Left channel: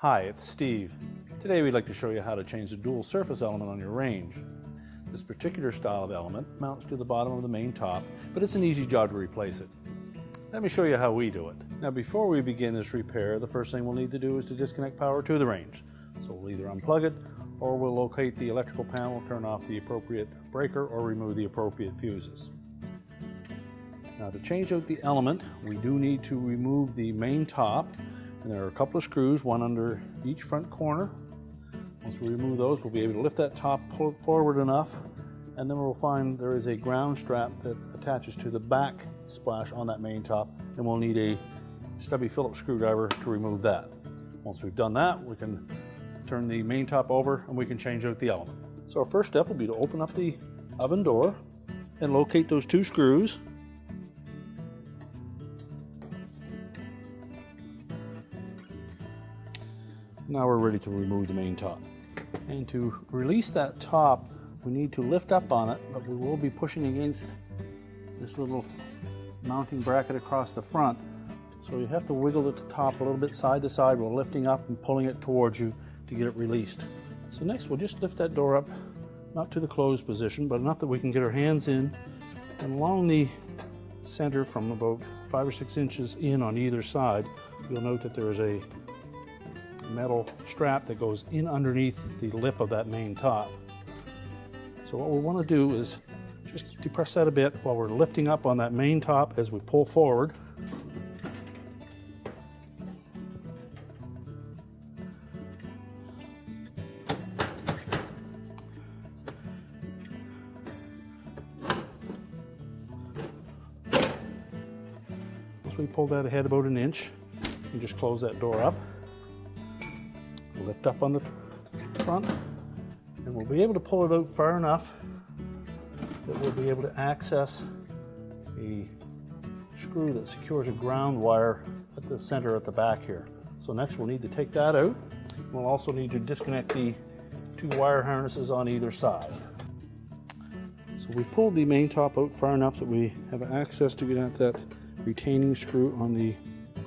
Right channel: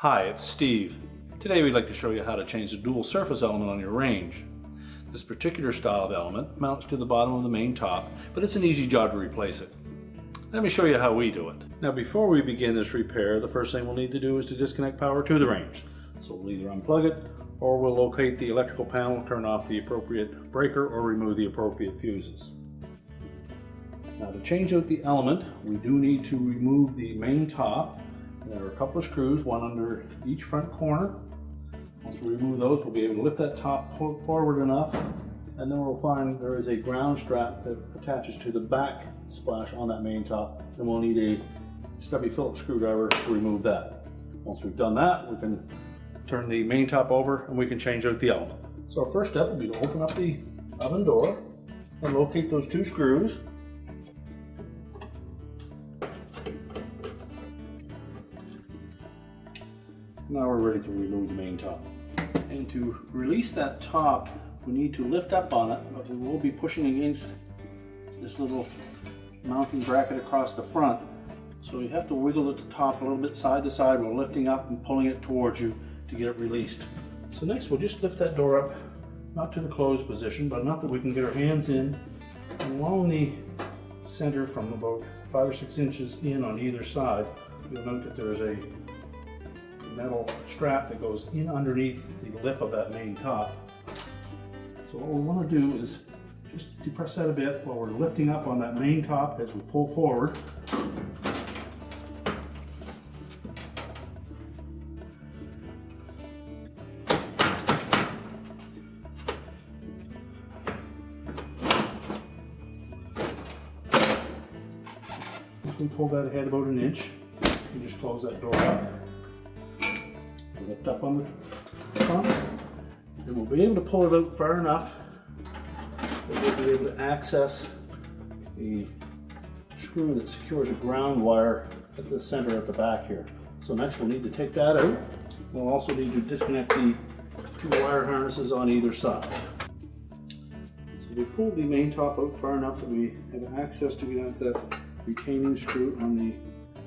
Hi, it's Steve. Today we'd like to show you how to change the dual surface element on your range. This particular style of element mounts to the bottom of the main top, but it's an easy job to replace it. Let me show you how we do it. Now before we begin this repair, the first thing we'll need to do is to disconnect power to the range. So we'll either unplug it, or we'll locate the electrical panel, turn off the appropriate breaker, or remove the appropriate fuses. Now to change out the element, we do need to remove the main top. And there are a couple of screws, one under each front corner. Once we remove those, we'll be able to lift that top, pull it forward enough, and then we'll find there is a ground strap that attaches to the back splash on that main top, and we'll need a stubby Phillips screwdriver to remove that. Once we've done that, we can turn the main top over and we can change out the element. So our first step will be to open up the oven door and locate those two screws. Now we're ready to remove the main top. And to release that top, we need to lift up on it, but we will be pushing against this little mounting bracket across the front. So you have to wiggle the top a little bit side to side while lifting up and pulling it towards you to get it released. So next we'll just lift that door up, not to the closed position, but enough that we can get our hands in, and along the center from about 5 or 6 inches in on either side, you'll note that there is a metal strap that goes in underneath the lip of that main top. So what we want to do is just depress that a bit while we're lifting up on that main top as we pull forward. Once we pull that ahead about an inch, you just close that door up. Lift up on the front, and we'll be able to pull it out far enough that we'll be able to access the screw that secures a ground wire at the center at the back here. So next we'll need to take that out. We'll also need to disconnect the two wire harnesses on either side. So we pulled the main top out far enough that we have access to get at that retaining screw on the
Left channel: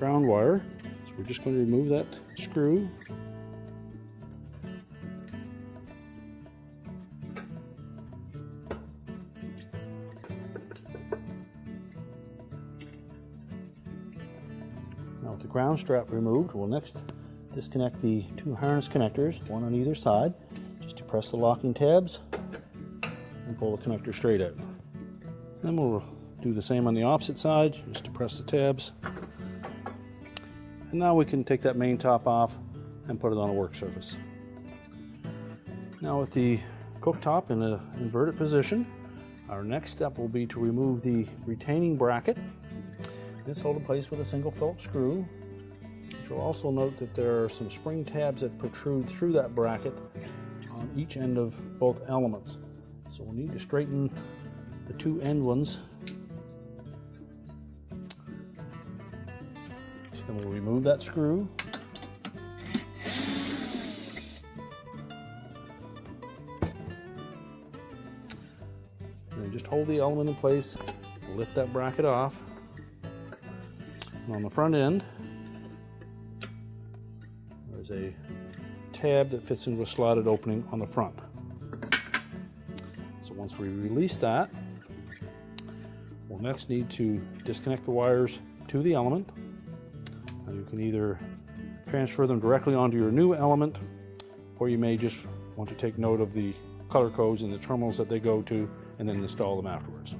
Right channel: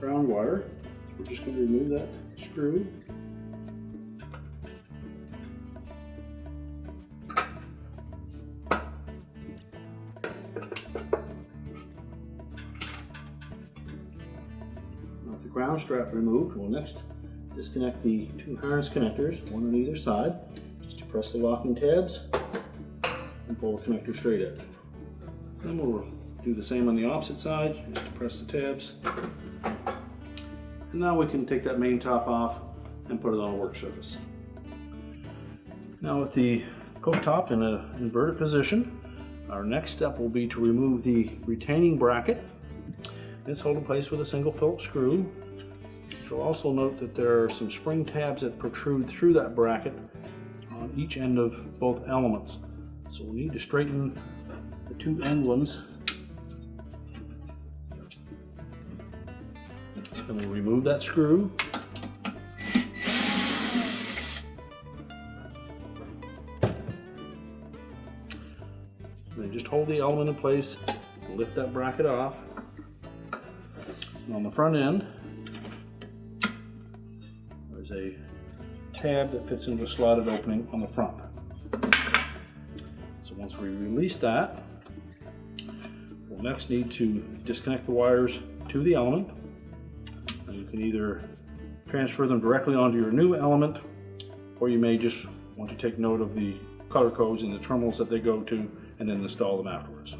ground wire. So we're just going to remove that screw. With the ground strap removed, we'll next disconnect the two harness connectors, one on either side. Just depress the locking tabs and pull the connector straight out. Then we'll do the same on the opposite side, just depress the tabs. And now we can take that main top off and put it on a work surface. Now with the cooktop in an inverted position, our next step will be to remove the retaining bracket. It's held in place with a single Phillips screw. You'll also note that there are some spring tabs that protrude through that bracket on each end of both elements. So we'll need to straighten the two end ones. And we'll remove that screw. And then just hold the element in place, lift that bracket off. And on the front end, there's a tab that fits into a slotted opening on the front. So once we release that, we'll next need to disconnect the wires to the element. And you can either transfer them directly onto your new element, or you may just want to take note of the color codes and the terminals that they go to, and then install them afterwards.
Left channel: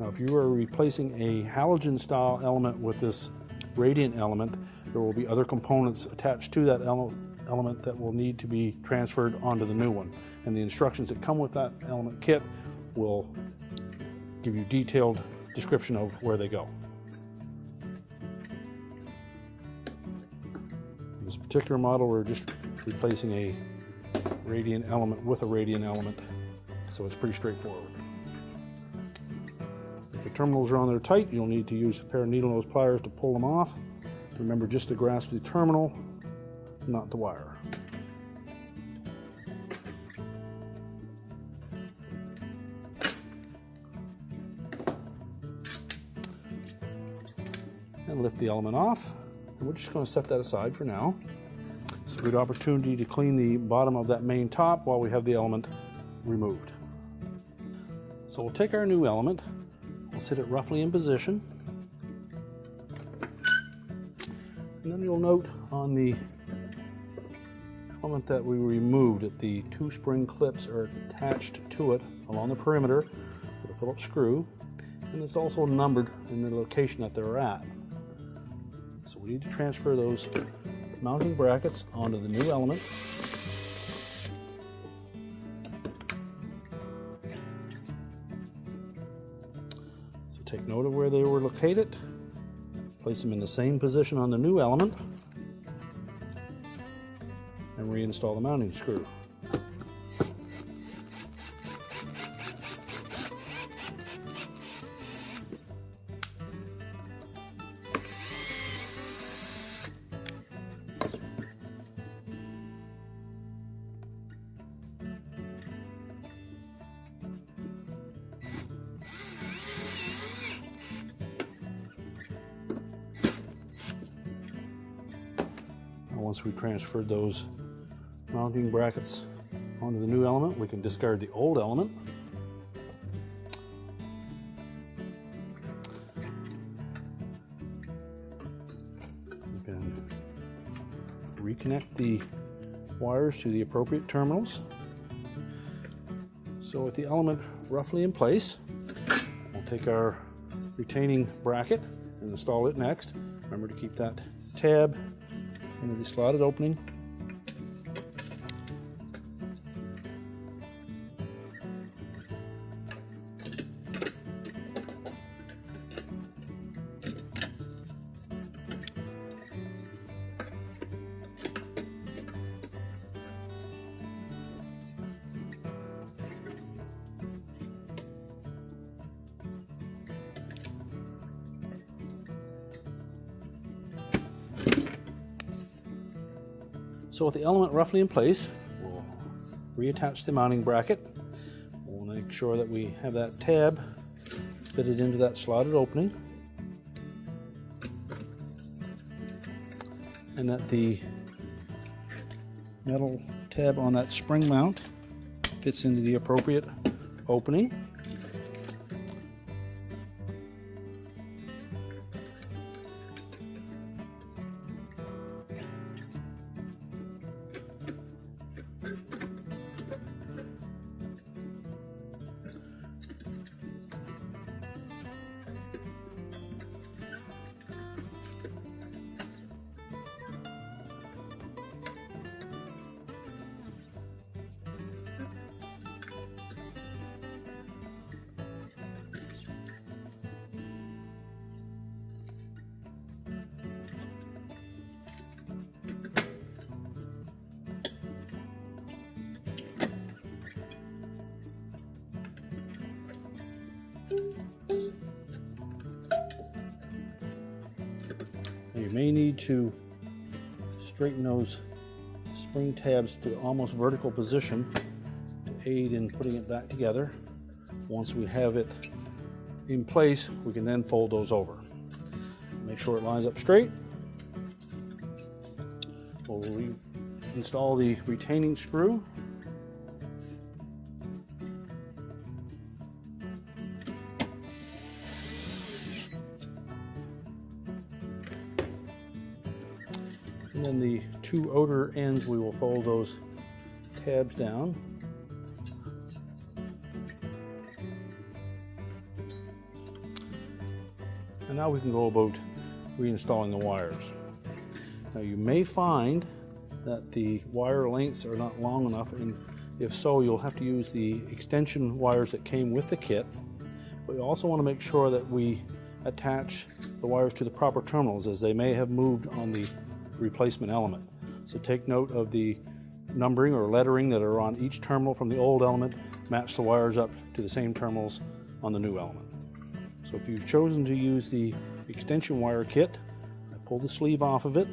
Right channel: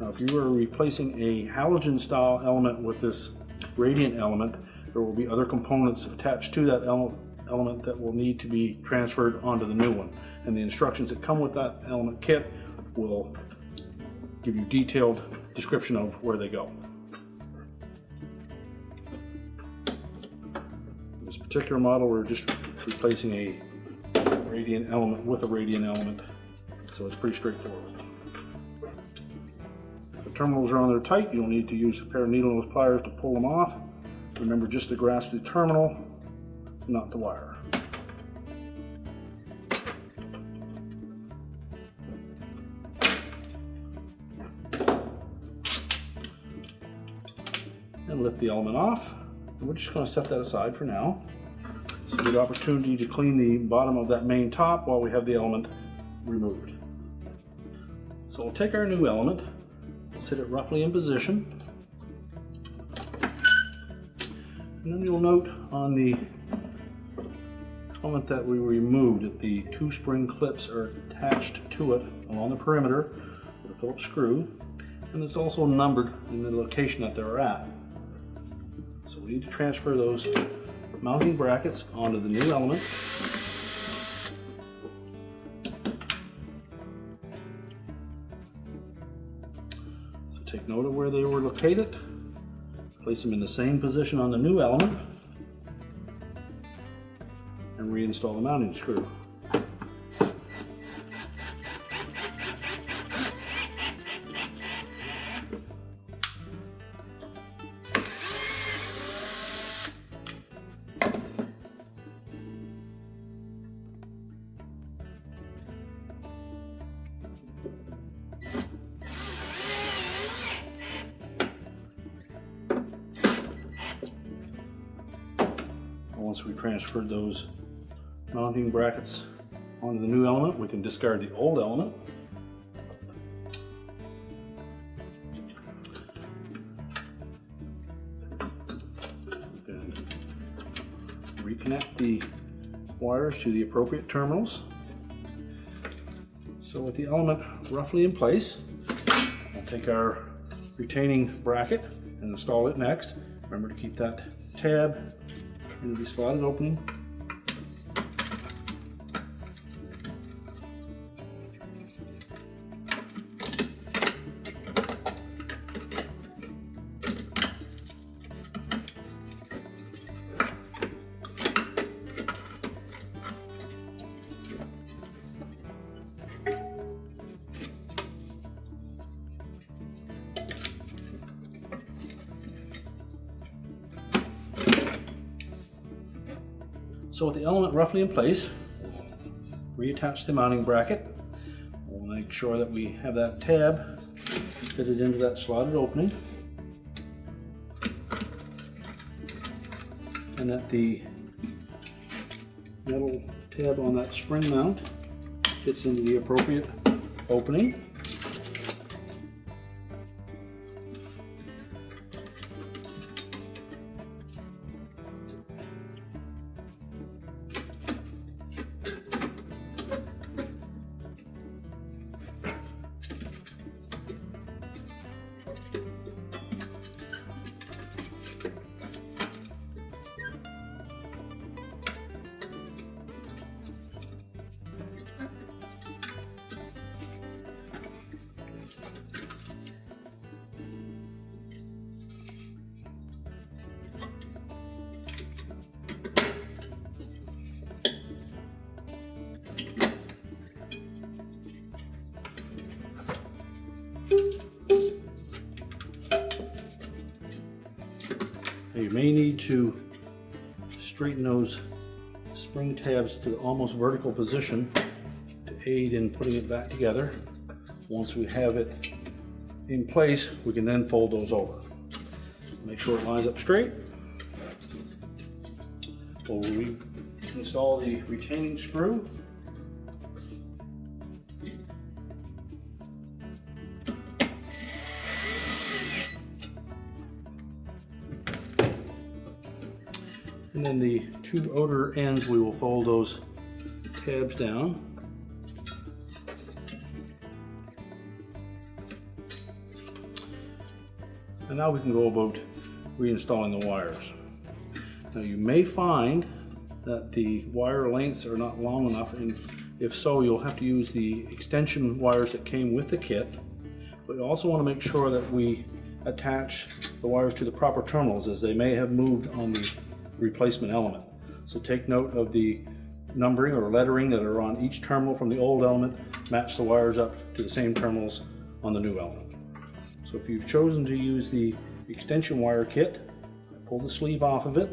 Now, if you are replacing a halogen style element with this radiant element, there will be other components attached to that element that will need to be transferred onto the new one. And the instructions that come with that element kit will give you detailed description of where they go. In this particular model, we're just replacing a radiant element with a radiant element, so it's pretty straightforward. If the terminals are on there tight, you'll need to use a pair of needle nose pliers to pull them off. Remember just to grasp the terminal, not the wire. and lift the element off. And we're just going to set that aside for now. So we get opportunity to clean the bottom of that main top while we have the element removed. So we'll take our new element, we'll set it roughly in position. And then you'll note on the element that we removed that the two spring clips are attached to it along the perimeter with a Phillips screw, and it's also numbered in the location that they're at. So we need to transfer those mounting brackets onto the new element. So take note of where they were located, place them in the same position on the new element, and reinstall the mounting screw. Once we've transferred those mounting brackets onto the new element, we can discard the old element. We can reconnect the wires to the appropriate terminals. So with the element roughly in place, we'll take our retaining bracket and install it next. Remember to keep that tab into the slotted opening. So with the element roughly in place, we'll reattach the mounting bracket. We'll make sure that we have that tab fitted into that slotted opening, and that the metal tab on that spring mount fits into the appropriate opening. You may need to straighten those spring tabs to almost vertical position to aid in putting it back together. Once we have it in place, we can then fold those over. Make sure it lines up straight. We'll install the retaining screw. And then the two outer ends, we will fold those tabs down. And now we can go about reinstalling the wires. Now you may find that the wire lengths are not long enough, and if so, you'll have to use the extension wires that came with the kit. But you also want to make sure that we attach the wires to the proper terminals, as they may have moved on the replacement element. So take note of the numbering or lettering that are on each terminal from the old element. Match the wires up to the same terminals on the new element. So if you've chosen to use the extension wire kit, pull the sleeve off of it,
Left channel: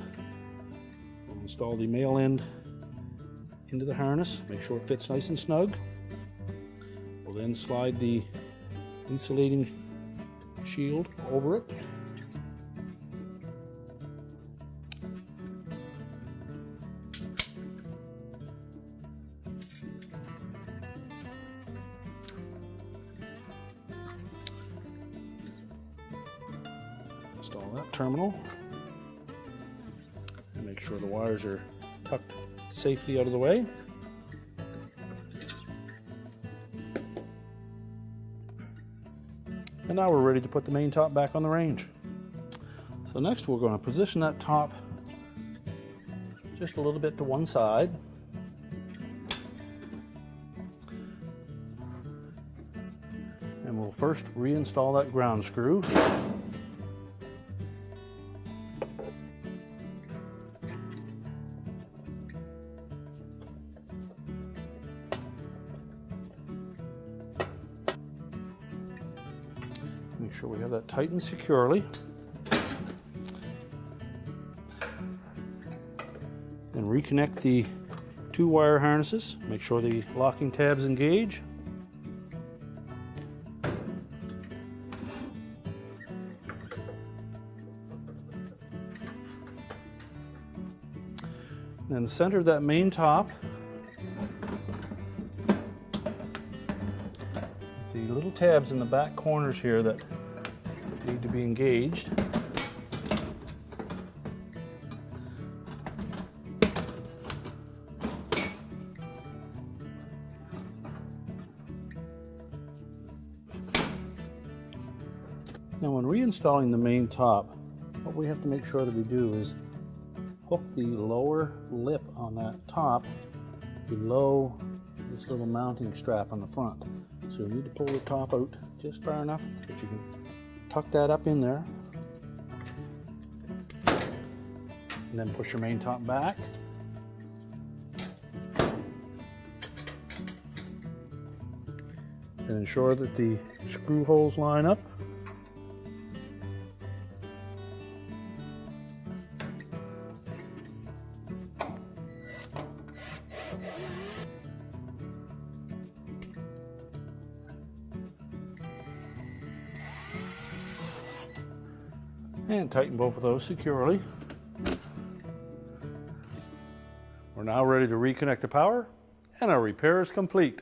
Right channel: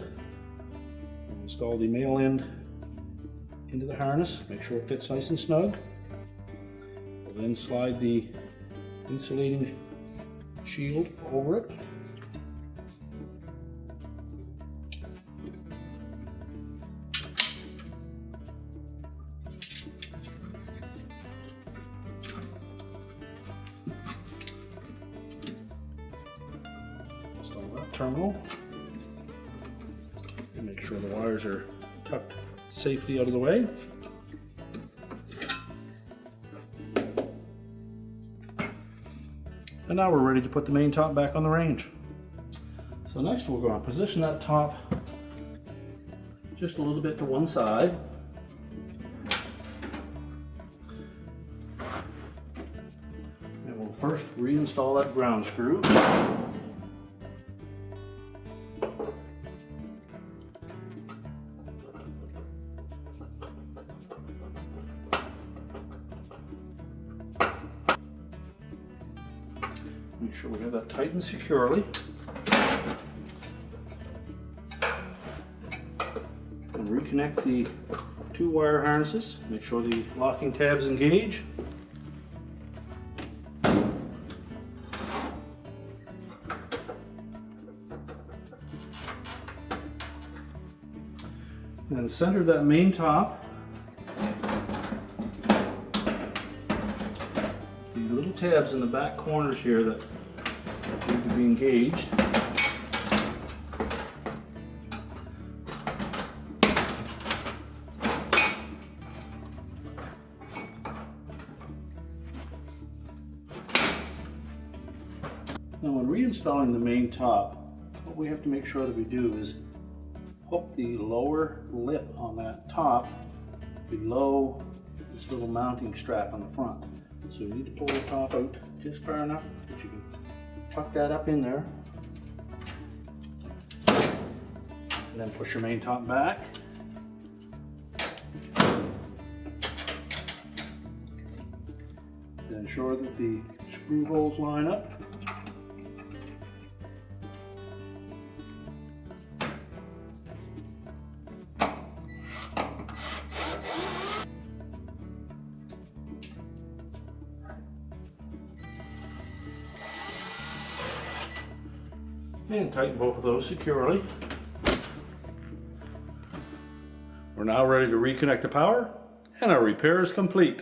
install the male end into the harness, make sure it fits nice and snug. We'll then slide the insulating shield over it. terminal. And make sure the wires are tucked safely out of the way. And now we're ready to put the main top back on the range. So next we're going to position that top just a little bit to one side. And we'll first reinstall that ground screw. Make sure we have that tightened securely. And reconnect the two wire harnesses. Make sure the locking tabs engage. And in the center of that main top, the little tabs in the back corners here that need to be engaged. Now when reinstalling the main top, what we have to make sure that we do is hook the lower lip on that top below this little mounting strap on the front. So you need to pull the top out just far enough that you can tuck that up in there. And then push your main top back. And ensure that the screw holes line up. And tighten both of those securely. We're now ready to reconnect the power, and our repair is complete.